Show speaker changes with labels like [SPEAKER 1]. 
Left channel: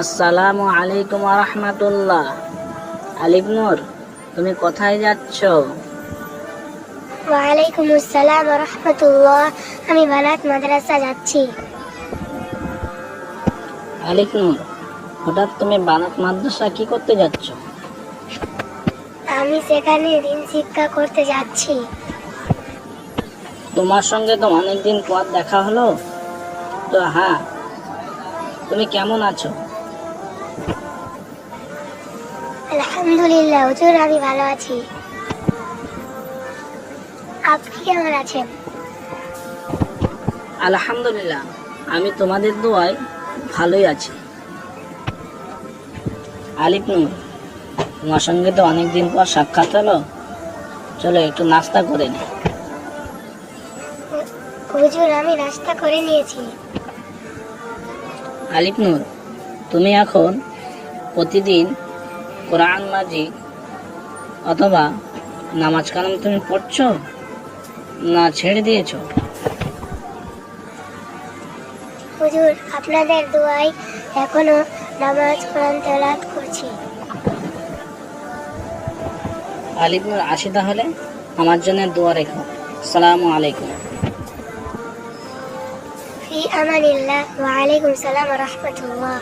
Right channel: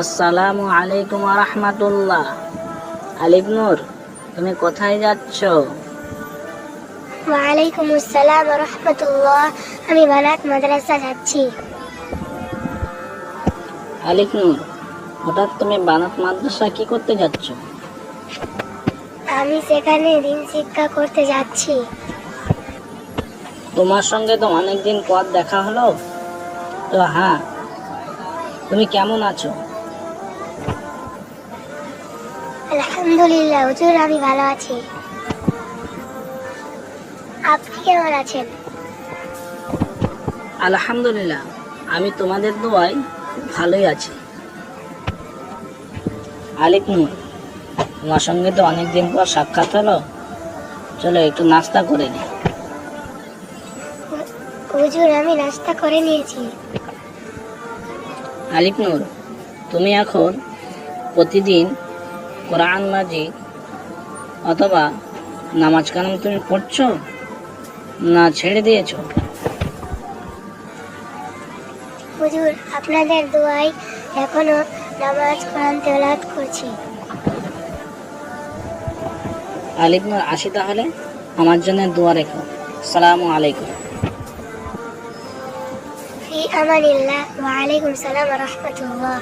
[SPEAKER 1] আসসালামু আলাইকুম রহমতুল্লাহ। আলিফ নূর তুমি কোথায় যাচ্ছ?
[SPEAKER 2] ওয়ালাইকুম আসসালাম রহমতুল্লাহ আমি বানাত মাদ্রাসা যাচ্ছি।
[SPEAKER 1] আলিফ নূর হঠাৎ তুমি বানাত মাদ্রাসা কি করতে যাচ্ছ?
[SPEAKER 2] আমি সেখানে দিন শিক্ষা করতে যাচ্ছি।
[SPEAKER 1] তোমার সঙ্গে তো অনেকদিন পর দেখা হলো। তো হ্যাঁ তুমি কেমন আছো?
[SPEAKER 2] আলহামদুলিল্লাহ হুজুর আমি ভালো আছি। আপনি কেমন আছেন?
[SPEAKER 1] আলহামদুলিল্লাহ আমি তোমাদের দোয়ায় ভালোই আছি। আলিফ নূর তোমার সঙ্গে তো অনেকদিন পর সাক্ষাৎ হলো। চলো একটু নাস্তা করে নি।
[SPEAKER 2] হুজুর আমি নাস্তা করে নিয়েছি।
[SPEAKER 1] আলিফ নূর তুমি এখন প্রতিদিন কোরআন মাজিদ অথবা নামাজ কালাম তুমি পড়ছো না ছেড়ে দিয়েছো
[SPEAKER 2] হুজুর আপনাদের দোয়াই এখনো নামাজ কোরআন তেলাওয়াত করছি
[SPEAKER 1] আলিফ নূর আসি তাহলে আমার জন্য দোয়া রেখো আসসালামু আলাইকুম
[SPEAKER 2] في أمان الله وعليكم السلام ورحمة الله